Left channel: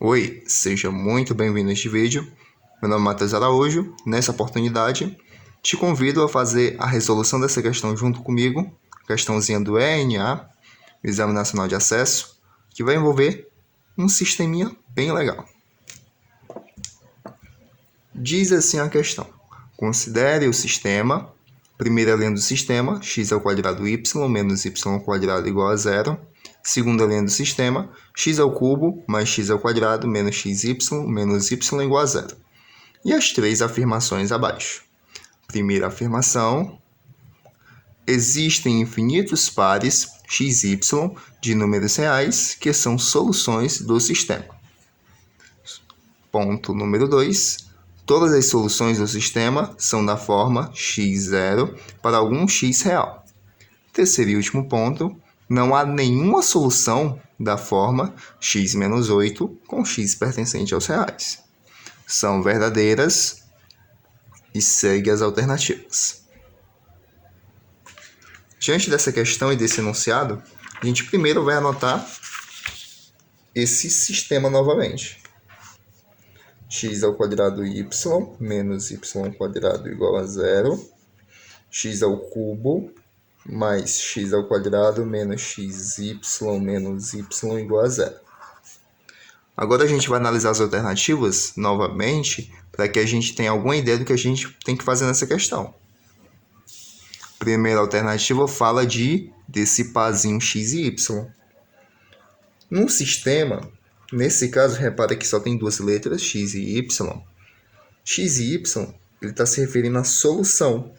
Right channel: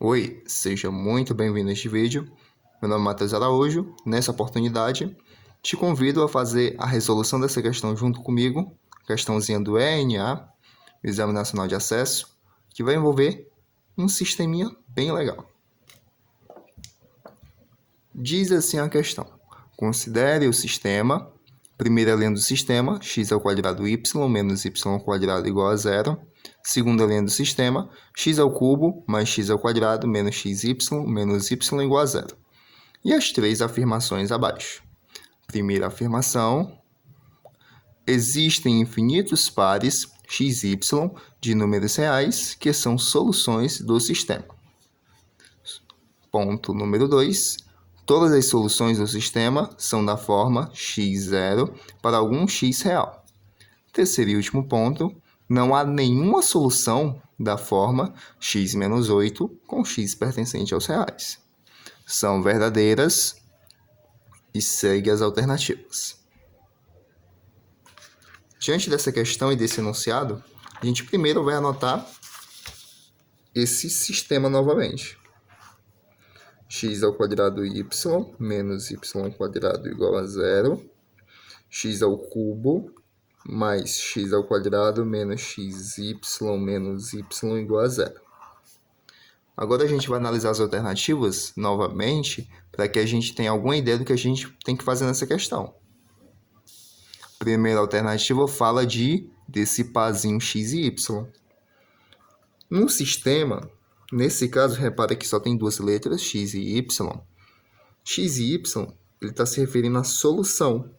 Oi, seja muito bem-vindo a este vídeo. Meu nome é Matheus Araújo. Nessa oportunidade, te convido a fazer a resolução dessa questão junto comigo, questãozinha do ENA, Exame Nacional de Acesso, que vai envolver um sisteminha bem legal. Diz assim a questão: considere o sistema, primeira linha do sistema, x ao quadrado y menos y ao quadrado igual a zero. Segunda linha do sistema, x ao cubo mais x ao quadrado menos xy menos y igual a zero. E as três afirmações abaixo. Primeira afirmação: existem infinitos pares xy de números reais que são soluções do sistema. Ponto número 2. Todas as soluções do sistema são da forma x0 para algum x real. Terceiro e último ponto: não há nenhuma solução da forma x menos 8 com x pertencente aos reais. São verdadeiras e segue as alternativas. Diante dessa questão e desse enunciado, a gente primeiro vai anotar esse sistema novamente. X ao quadrado y menos y ao quadrado igual a zero. X ao cubo mais x ao quadrado menos xy menos y igual a zero. Agora a gente vai analisar as alternativas novamente para que a gente tenha alguma ideia do que a gente tem que fazer nessa questão. Primeira alternativa fala desse parzinho x e y. Num sistema, nesse caso, repara que só tem duas letras, x e y. X e y, ele está se referindo à solução.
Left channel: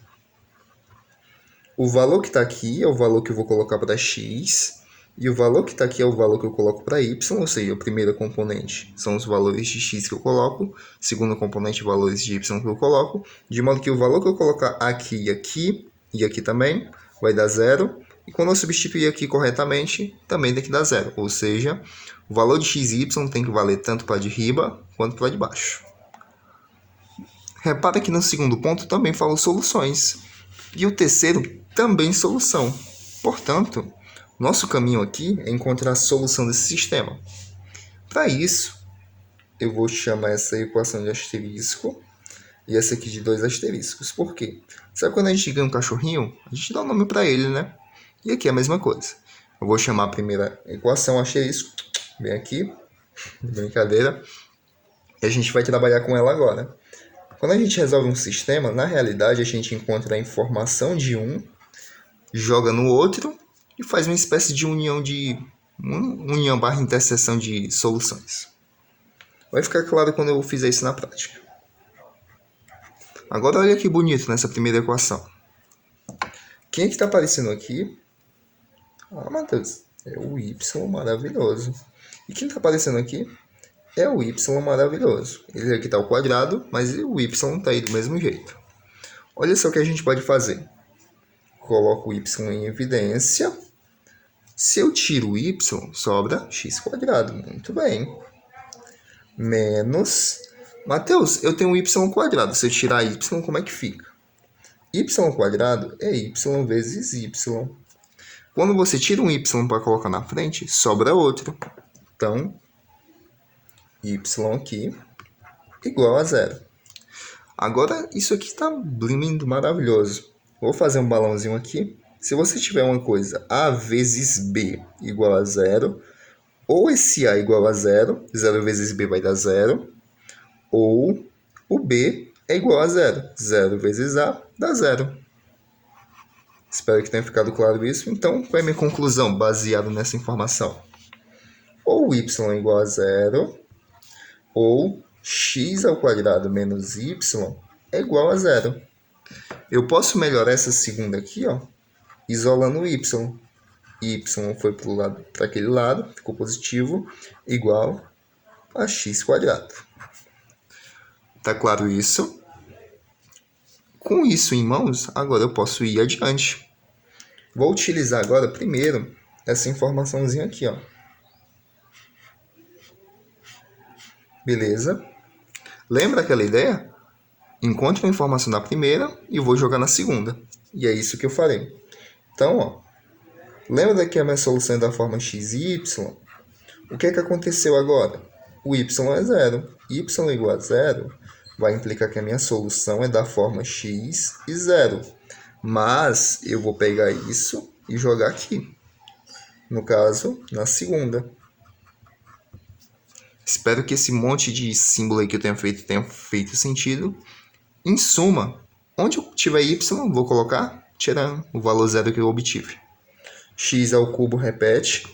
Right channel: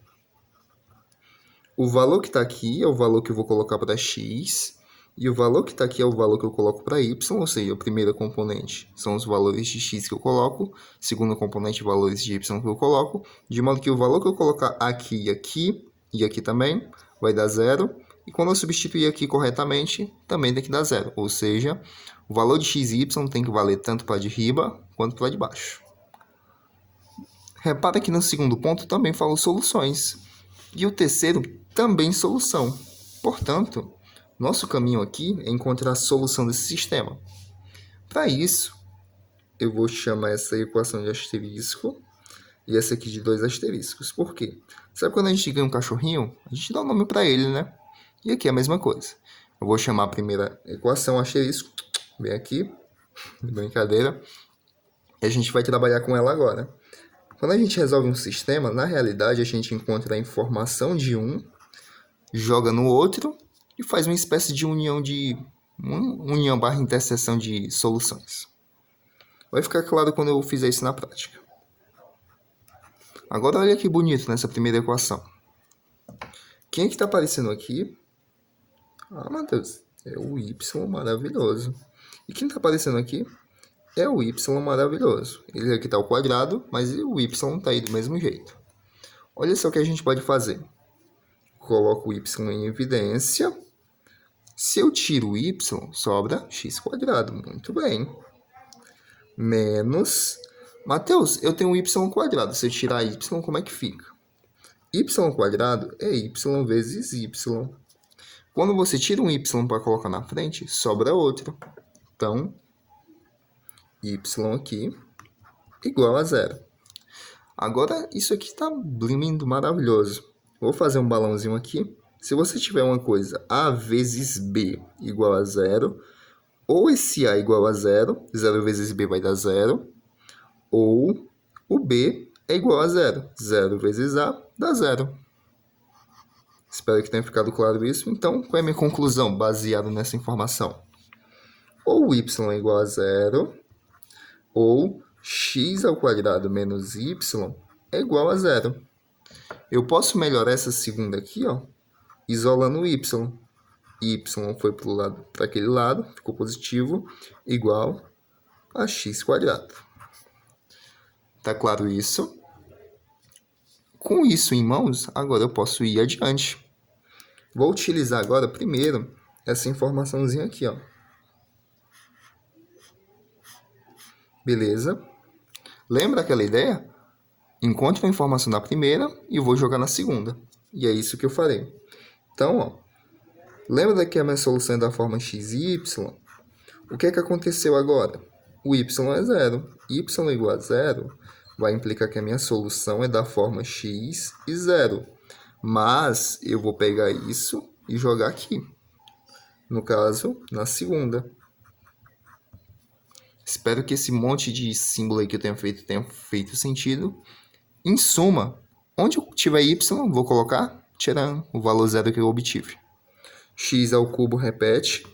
O valor que está aqui é o valor que eu vou colocar para x, e o valor que está aqui é o valor que eu coloco para y, ou seja, o primeiro componente são os valores de x que eu coloco, o segundo componente, valores de y que eu coloco, de modo que o valor que eu colocar aqui e aqui também vai dar zero, e quando eu substituir aqui corretamente, também tem que dar zero, ou seja, o valor de x e y tem que valer tanto para de riba quanto para de baixo. Repara que no segundo ponto também falo soluções, e o terceiro também solução. Portanto, nosso caminho aqui é encontrar a solução desse sistema. Para isso, eu vou chamar essa equação de asterisco e essa aqui de dois asteriscos. Por quê? Sabe quando a gente ganha um cachorrinho? A gente dá um nome para ele, né? E aqui é a mesma coisa. Eu vou chamar a primeira equação asterisco, bem aqui, brincadeira, e a gente vai trabalhar com ela agora. Quando a gente resolve um sistema, na realidade a gente encontra a informação de um, joga no outro e faz uma espécie de união barra interseção de soluções. Vai ficar claro quando eu fizer isso na prática. Agora olha que bonito nessa primeira equação. Quem é que está aparecendo aqui? Ah, Matheus, é o y maravilhoso. E quem está aparecendo aqui? É o y maravilhoso. Ele aqui está ao quadrado, mas o y está aí do mesmo jeito. Olha só o que a gente pode fazer. Coloco o y em evidência. Se eu tiro o y, sobra x quadrado. Muito bem. Menos... Matheus, eu tenho y quadrado. Se eu tirar y, como é que fica? Y quadrado é y vezes y. Quando você tira um y para colocar na frente, sobra outro. Então, y aqui igual a zero. Agora, isso aqui está lindo, maravilhoso. Vou fazer um balãozinho aqui. Se você tiver uma coisa a vezes b igual a zero, ou esse a igual a zero, 0 vezes b vai dar zero, ou o b é igual a zero, 0 vezes a dá zero. Espero que tenha ficado claro isso. Então, qual é a minha conclusão baseada nessa informação? Ou y é igual a zero, ou x ao quadrado menos y é igual a zero. Eu posso melhorar essa segunda aqui, ó, isolando o y. Y foi para aquele lado, ficou positivo, igual a x quadrado. Tá claro isso? Com isso em mãos, agora eu posso ir adiante. Vou utilizar agora, primeiro, essa informaçãozinha aqui, ó. Beleza? Lembra aquela ideia? Encontre a informação na primeira e vou jogar na segunda. E é isso que eu farei. Então, ó, lembra que a minha solução é da forma x e y? O que é que aconteceu agora? o y é zero. Y igual a zero vai implicar que a minha solução é da forma x e zero. Mas eu vou pegar isso e jogar aqui. No caso, na segunda. Espero que esse monte de símbolo aí que eu tenha feito sentido. Em suma, onde eu tiver y, vou colocar, tirando o valor zero que eu obtive. X ao cubo repete.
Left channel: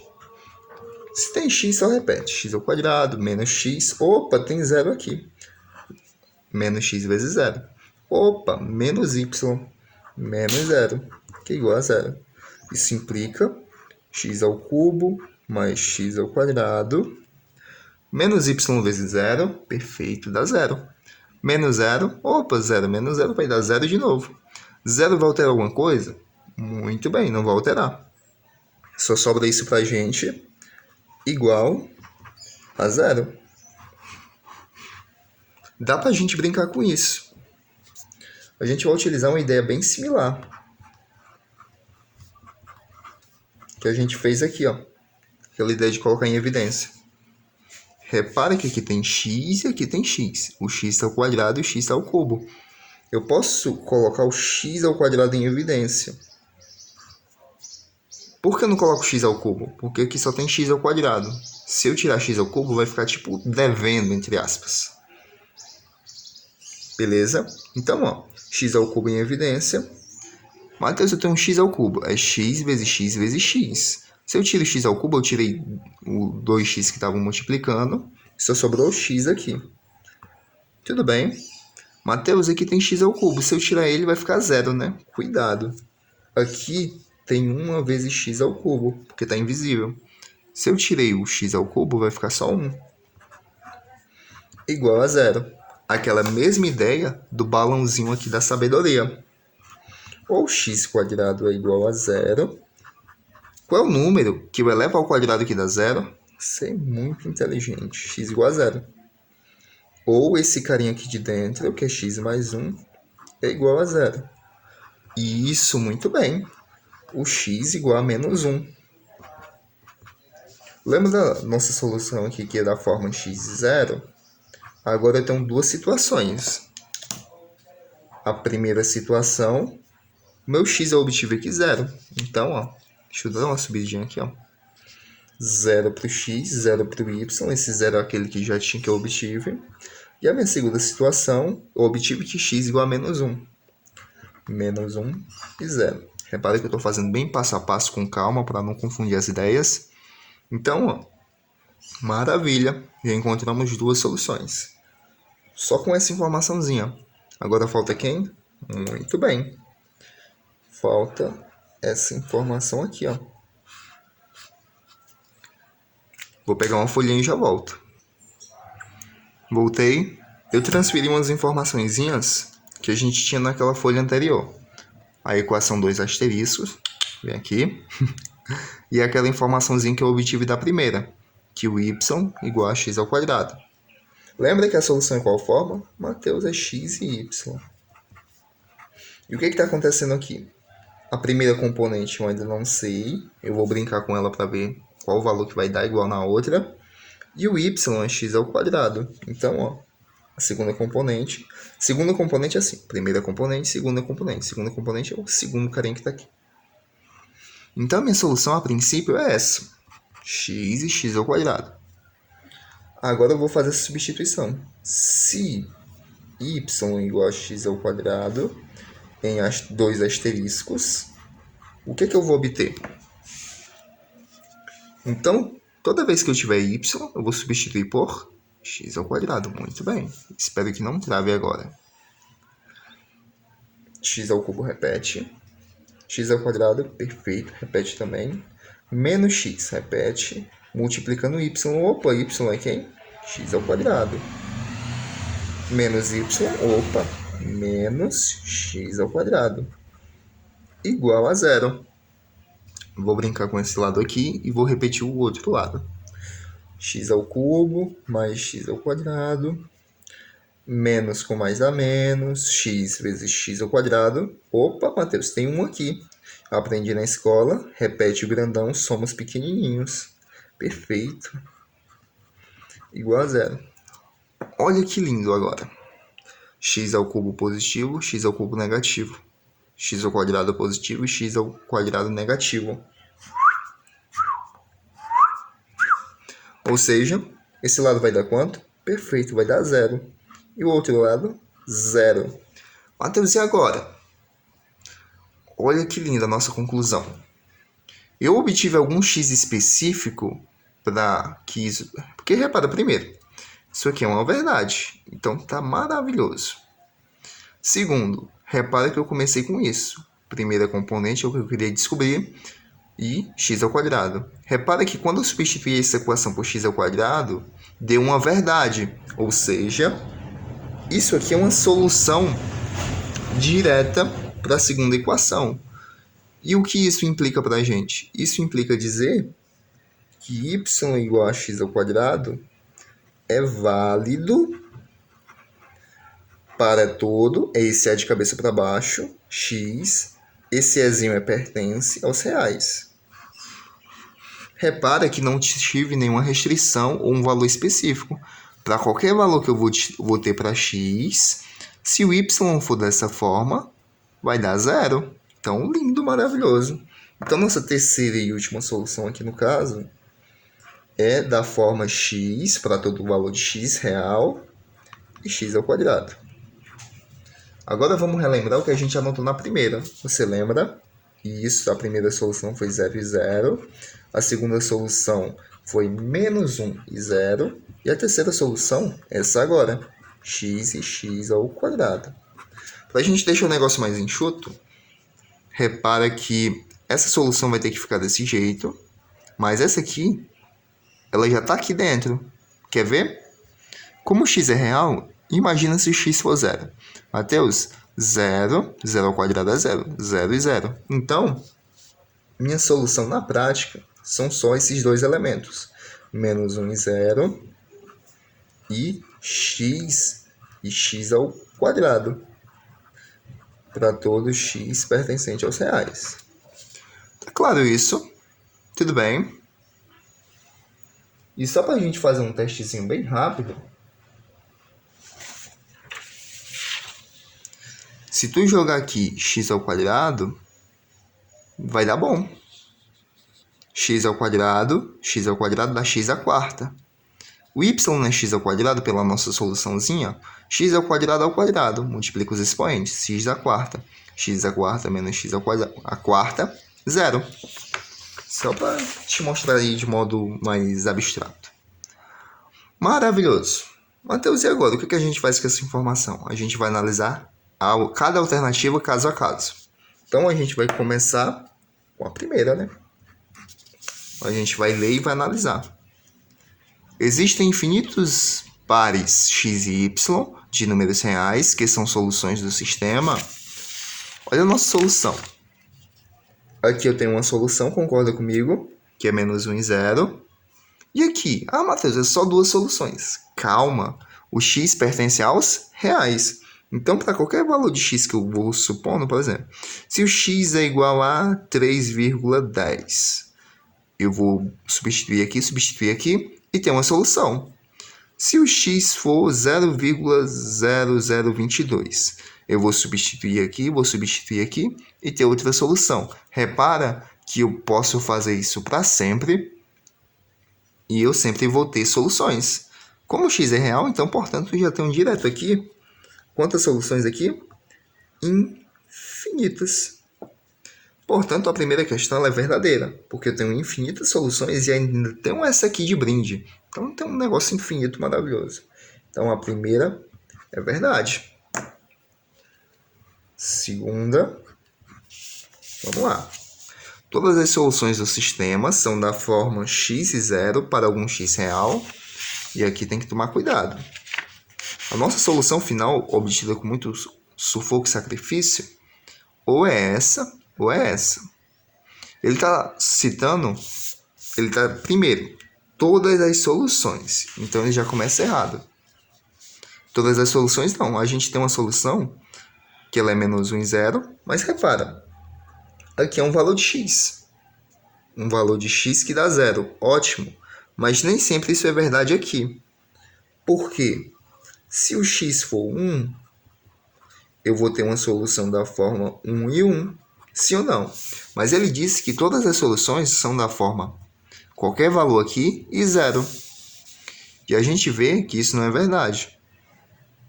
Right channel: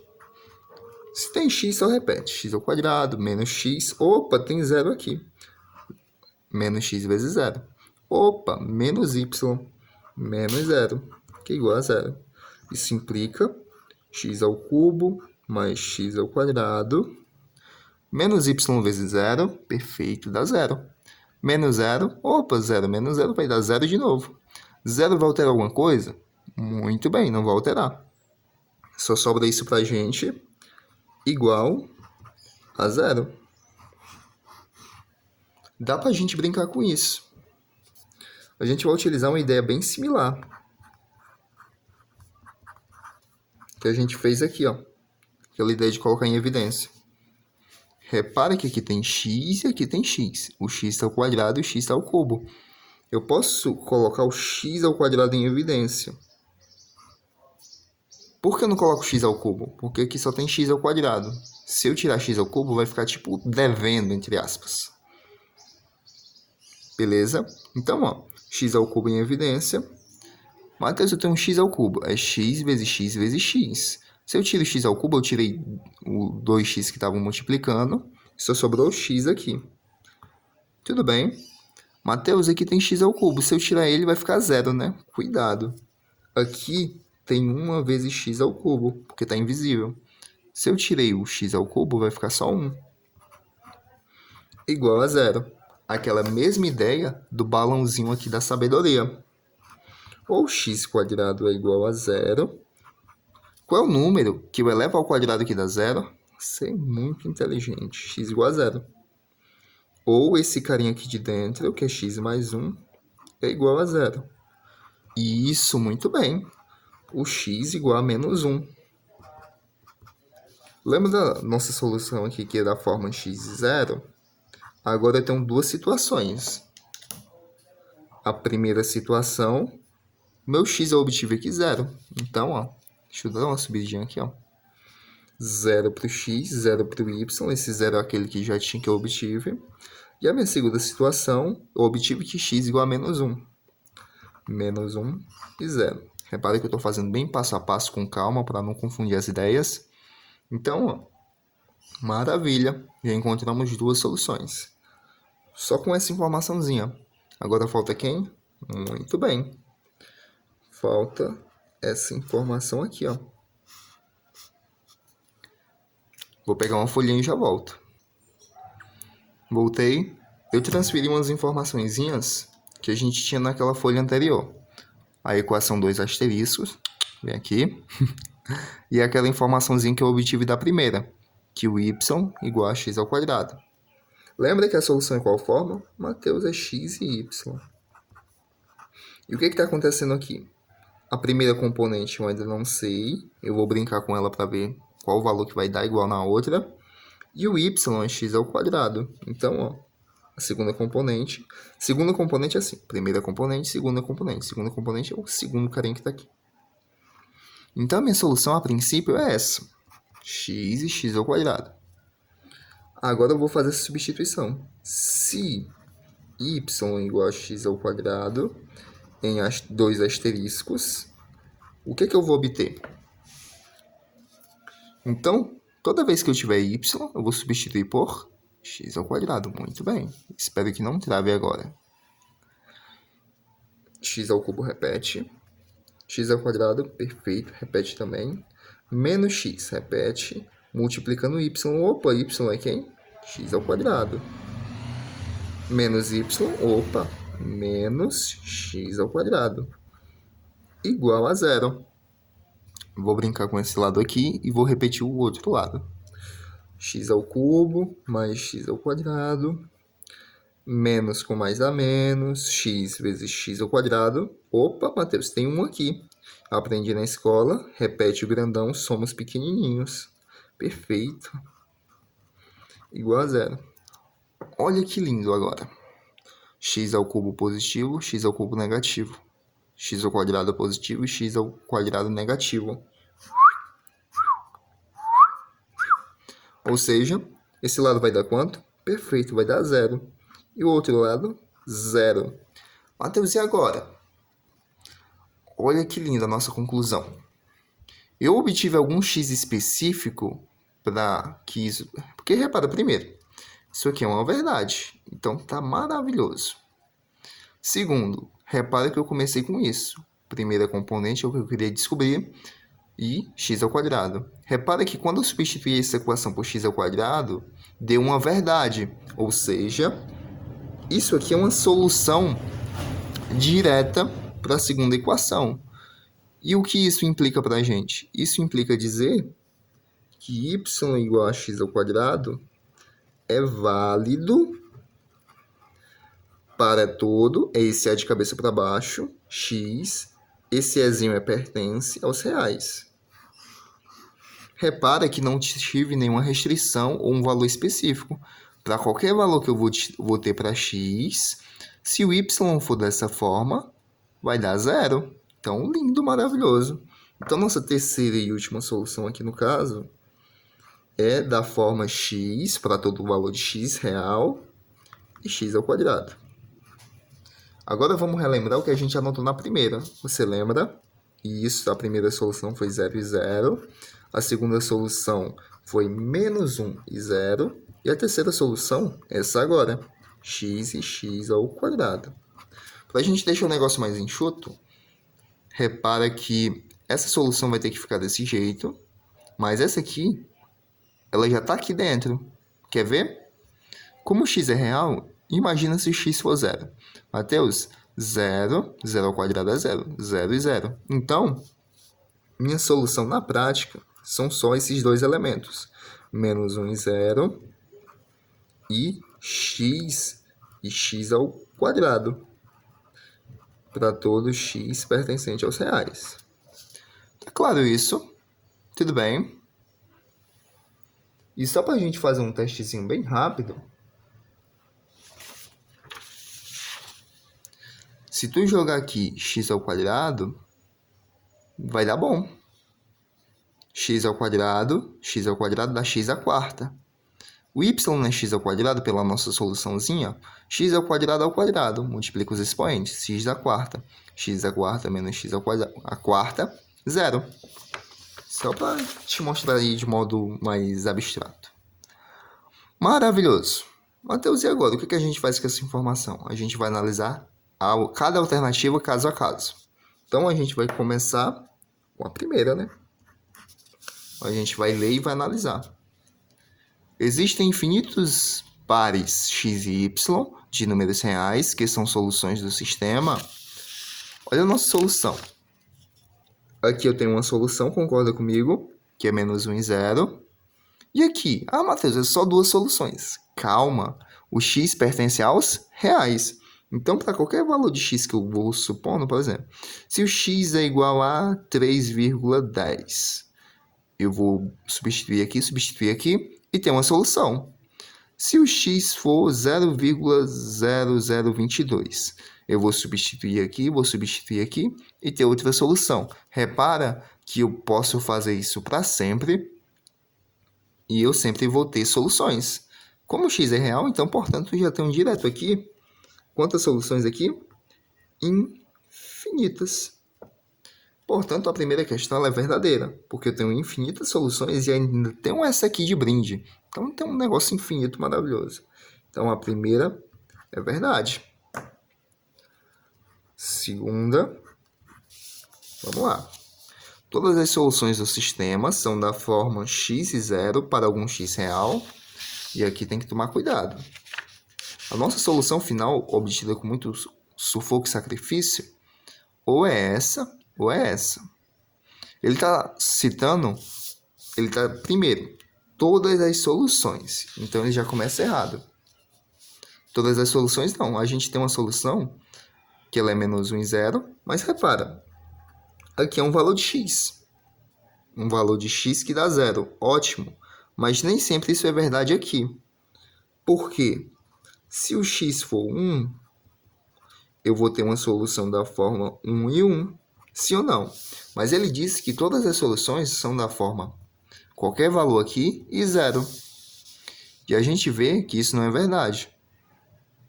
Se tem x, só repete. X ao quadrado, menos x. Opa, tem zero aqui. Menos x vezes zero. Opa, menos y, menos zero, que é igual a zero. Isso implica x ao cubo mais x ao quadrado, menos y vezes zero, perfeito, dá zero. Menos zero, opa, zero menos zero vai dar zero de novo. Zero vai alterar alguma coisa? Muito bem, não vai alterar. Só sobra isso pra gente igual a zero. Dá pra gente brincar com isso. A gente vai utilizar uma ideia bem similar que a gente fez aqui, ó. Aquela ideia de colocar em evidência. Repara que aqui tem x e aqui tem x. O x está ao quadrado e o x está ao cubo. Eu posso colocar o x ao quadrado em evidência. Por que eu não coloco x ao cubo? Porque aqui só tem x ao quadrado. Se eu tirar x ao cubo, vai ficar tipo devendo, entre aspas. Beleza? Então, ó, x ao cubo em evidência. Matheus, eu tenho um x ao cubo. É x vezes x vezes x. Se eu tiro x ao cubo, eu tirei o 2x que estavam multiplicando. Só sobrou o x aqui. Tudo bem. Matheus, aqui tem x ao cubo. Se eu tirar ele, vai ficar zero, né? Cuidado. Aqui tem 1 vezes x ao cubo, porque está invisível. Se eu tirei o x ao cubo, vai ficar só 1. Igual a zero. Aquela mesma ideia do balãozinho aqui da sabedoria. Ou x quadrado é igual a zero. Qual é o número que eu elevo ao quadrado que dá zero? Você é muito inteligente. X igual a zero. Ou esse carinha aqui de dentro, que é x mais 1, é igual a zero. Isso, muito bem. O x igual a menos 1. Lembra da nossa solução aqui, que é da forma x zero? Agora eu tenho duas situações. A primeira situação, meu x eu obtive aqui zero. Então, ó, deixa eu dar uma subidinha aqui, ó. 0 para o x, 0 para o y. Esse 0 é aquele que já tinha que eu obtive. E a minha segunda situação, eu obtive que x igual a menos 1. Menos 1 e 0. Repare que eu estou fazendo bem passo a passo com calma para não confundir as ideias. Então, ó, maravilha. Já encontramos duas soluções. Só com essa informaçãozinha. Agora falta quem? Muito bem. Falta essa informação aqui, ó. Vou pegar uma folhinha e já volto. Voltei. Eu transferi umas informaçõezinhas que a gente tinha naquela folha anterior. A equação 2 asteriscos, vem aqui. E aquela informaçãozinha que eu obtive da primeira, que o y igual a x ao quadrado. Lembra que a solução é qual forma? Matheus, é x e y. E o que está acontecendo aqui? A primeira componente eu ainda não sei. Eu vou brincar com ela para ver qual o valor que vai dar igual na outra. E o y é x ao quadrado. Então, ó, a segunda componente. Segunda componente é assim. Primeira componente, segunda componente. Segunda componente é o segundo carinha que está aqui. Então, a minha solução, a princípio, é essa. X e x ao quadrado. Agora eu vou fazer essa substituição. Se y igual a x ao quadrado, em 2 asteriscos, o que eu vou obter? Então, toda vez que eu tiver y, eu vou substituir por x ao quadrado. Muito bem. Espero que não trave agora. X ao cubo repete. X ao quadrado, perfeito, repete também. Menos x, repete. Multiplicando y. Opa, y é quem? X ao quadrado. Menos y, opa, menos x ao quadrado. Igual a zero. Vou brincar com esse lado aqui e vou repetir o outro lado. X ao cubo mais x ao quadrado. Menos com mais dá menos. X vezes x ao quadrado. Opa, Matheus, tem um aqui. Aprendi na escola. Repete o grandão, somos pequenininhos. Perfeito. igual a zero. Olha que lindo agora. X ao cubo positivo, x ao cubo negativo. X ao quadrado positivo e x ao quadrado negativo. Ou seja, esse lado vai dar quanto? Perfeito, vai dar zero. E o outro lado, zero. Mateus, e agora? Olha que linda a nossa conclusão. Eu obtive algum x específico para que isso... Porque repara primeiro, isso aqui é uma verdade. Então tá maravilhoso. Segundo, repara que eu comecei com isso. Primeira componente é o que eu queria descobrir. E x ao quadrado. Repara que quando eu substituir essa equação por x ao quadrado, deu uma verdade. Ou seja, isso aqui é uma solução direta para a segunda equação. E o que isso implica para a gente? Isso implica dizer que y igual a x ao quadrado é válido para todo, esse é de cabeça para baixo, x, esse ezinho pertence aos reais. Repara que não tive nenhuma restrição ou um valor específico. Para qualquer valor que eu vou ter para x, se o y for dessa forma, vai dar zero. Então, lindo, maravilhoso. Então, nossa terceira e última solução aqui no caso é da forma x para todo o valor de x real e x ao quadrado. Agora vamos relembrar o que a gente anotou na primeira. Você lembra? Isso, a primeira solução foi 0 e 0. A segunda solução foi menos 1 e 0. E a terceira solução, essa agora, x e x ao quadrado. Para a gente deixar o negócio mais enxuto, repara que essa solução vai ter que ficar desse jeito, mas essa aqui, ela já está aqui dentro. Quer ver? Como o x é real, imagina se o x for 0. Mateus, 0, 0 ao quadrado é 0, 0 e 0. Então, minha solução na prática são só esses dois elementos. Menos 1 e 0 e x ao quadrado. Para todo x pertencente aos reais. Tá claro isso? Tudo bem? E só para a gente fazer um testezinho bem rápido, se tu jogar aqui x ao quadrado, vai dar bom. X ao quadrado dá x à quarta. O y não é x ao quadrado pela nossa soluçãozinha? X ao quadrado, multiplica os expoentes, x à quarta. X à quarta menos x ao quadrado, a quarta, zero. Só para te mostrar aí de modo mais abstrato. Maravilhoso. Mateus, e agora? O que a gente faz com essa informação? A gente vai analisar cada alternativa caso a caso. Então, a gente vai começar com a primeira, né? A gente vai ler e vai analisar. Existem infinitos pares x e y de números reais, que são soluções do sistema. Olha a nossa solução. Aqui eu tenho uma solução, concorda comigo? Que é menos 1 e 0. E aqui? Ah, Matheus, é só duas soluções. Calma. O x pertence aos reais. Então, para qualquer valor de x que eu vou supondo, por exemplo, se o x é igual a 3,10, eu vou substituir aqui e ter uma solução. Se o x for 0,0022, eu vou substituir aqui e ter outra solução. Repara que eu posso fazer isso para sempre e eu sempre vou ter soluções. Como o x é real, então, portanto, eu já tenho direto aqui. Quantas soluções aqui? Infinitas. Portanto, a primeira questão ela é verdadeira, porque eu tenho infinitas soluções e ainda tenho essa aqui de brinde. Então, tem um negócio infinito maravilhoso. Então, a primeira é verdade. Segunda, vamos lá. Todas as soluções do sistema são da forma x e 0 para algum x real. E aqui tem que tomar cuidado. A nossa solução final, obtida com muito sufoco e sacrifício, ou é essa, ou é essa. Ele está citando, primeiro, todas as soluções. Então, ele já começa errado. Todas as soluções, não. A gente tem uma solução que ela é menos 1 e 0, mas repara, aqui é um valor de x. Um valor de x que dá 0. Ótimo. Mas nem sempre isso é verdade aqui. Porque se o x for 1, eu vou ter uma solução da forma 1 e 1. Sim ou não? Mas ele disse que todas as soluções são da forma qualquer valor aqui e 0. E a gente vê que isso não é verdade.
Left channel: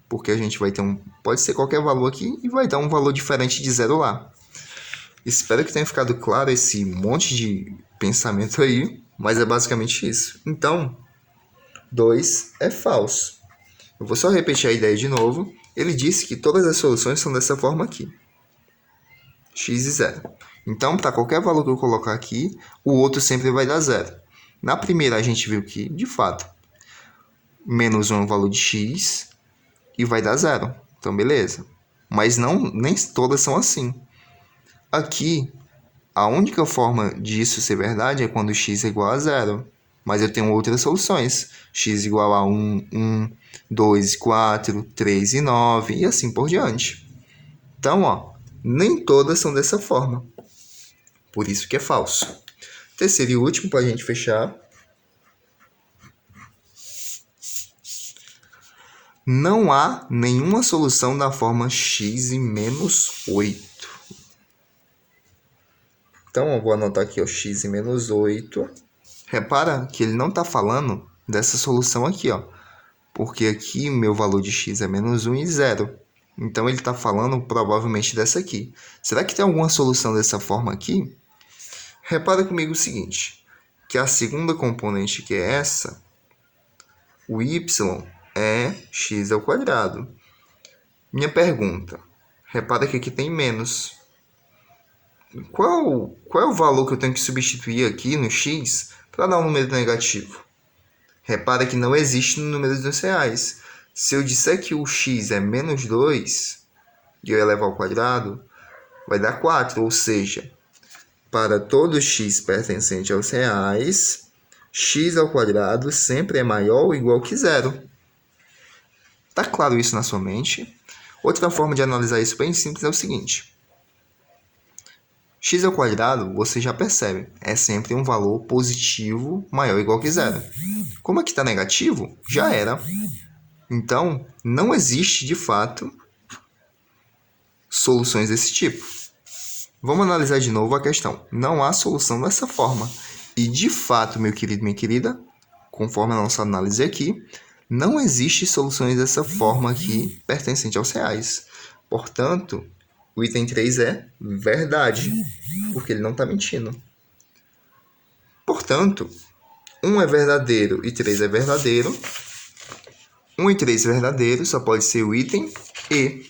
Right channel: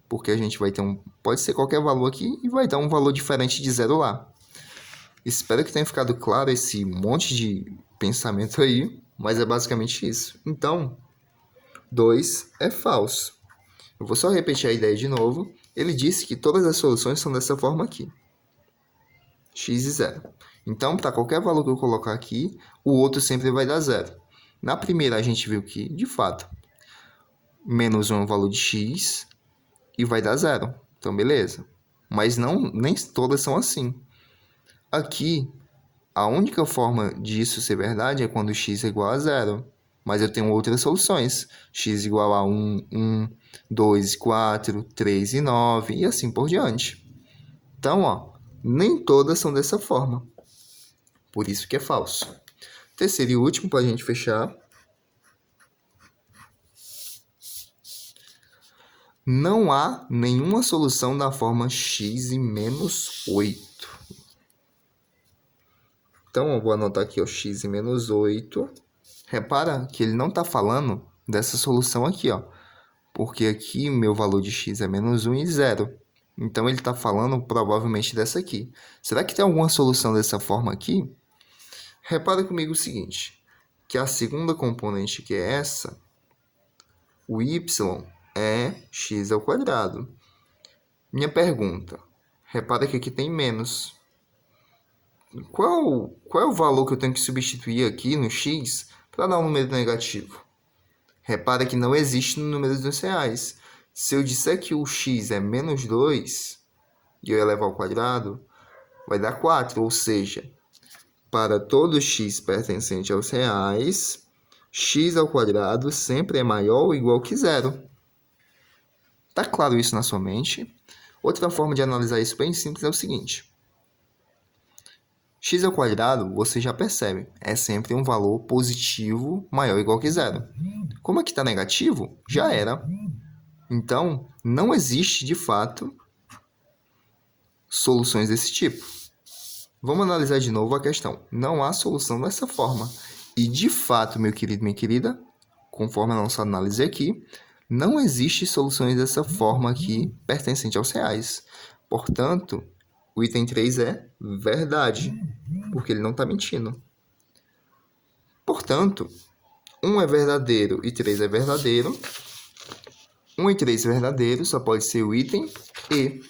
Porque a gente vai ter pode ser qualquer valor aqui e vai dar um valor diferente de 0 lá. Espero que tenha ficado claro esse monte de pensamento aí, mas é basicamente isso. Então, 2 é falso. Eu vou só repetir a ideia de novo. Ele disse que todas as soluções são dessa forma aqui. X e 0. Então, para qualquer valor que eu colocar aqui, o outro sempre vai dar 0. Na primeira, a gente viu que, de fato, menos 1 é um valor de x e vai dar 0. Então, beleza. Mas nem todas são assim. Aqui, a única forma disso ser verdade é quando x é igual a 0. Mas eu tenho outras soluções. X igual a 1, 1, 2, 4, 3 e 9 e assim por diante. Então, ó, nem todas são dessa forma. Por isso que é falso. Terceiro e último, para a gente fechar. Não há nenhuma solução da forma x e menos 8. Então, eu vou anotar aqui o x e menos 8. Repara que ele não está falando dessa solução aqui, ó. Porque aqui meu valor de x é menos 1 e 0. Então, ele está falando provavelmente dessa aqui. Será que tem alguma solução dessa forma aqui? Repara comigo o seguinte, que a segunda componente, que é essa, o y é x ao quadrado. Minha pergunta, repara que aqui tem menos. Qual é o valor que eu tenho que substituir aqui no x para dar um número negativo? Repara que não existe no número dos reais. Se eu disser que o x é menos 2, e eu elevar ao quadrado, vai dar 4, ou seja, para todo x pertencente aos reais, x ao quadrado sempre é maior ou igual que 0. Tá claro isso na sua mente? Outra forma de analisar isso bem simples é o seguinte. X ao quadrado, você já percebe, é sempre um valor positivo maior ou igual que 0. Como aqui está negativo, já era. Então, não existe, de fato, soluções desse tipo. Vamos analisar de novo a questão. Não há solução dessa forma. E, de fato, meu querido, minha querida, conforme a nossa análise aqui, não existe soluções dessa forma aqui pertencente aos reais. Portanto, o item 3 é verdade, porque ele não está mentindo. Portanto, 1 é verdadeiro e 3 é verdadeiro. 1 e 3 é verdadeiro, só pode ser o item E.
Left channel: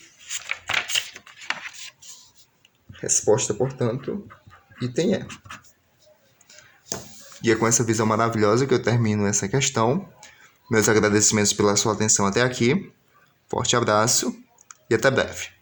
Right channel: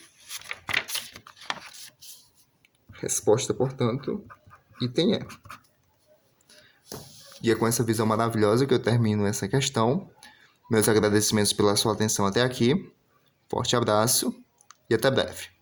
Resposta, portanto, item E. E é com essa visão maravilhosa que eu termino essa questão. Meus agradecimentos pela sua atenção até aqui. Forte abraço e até breve.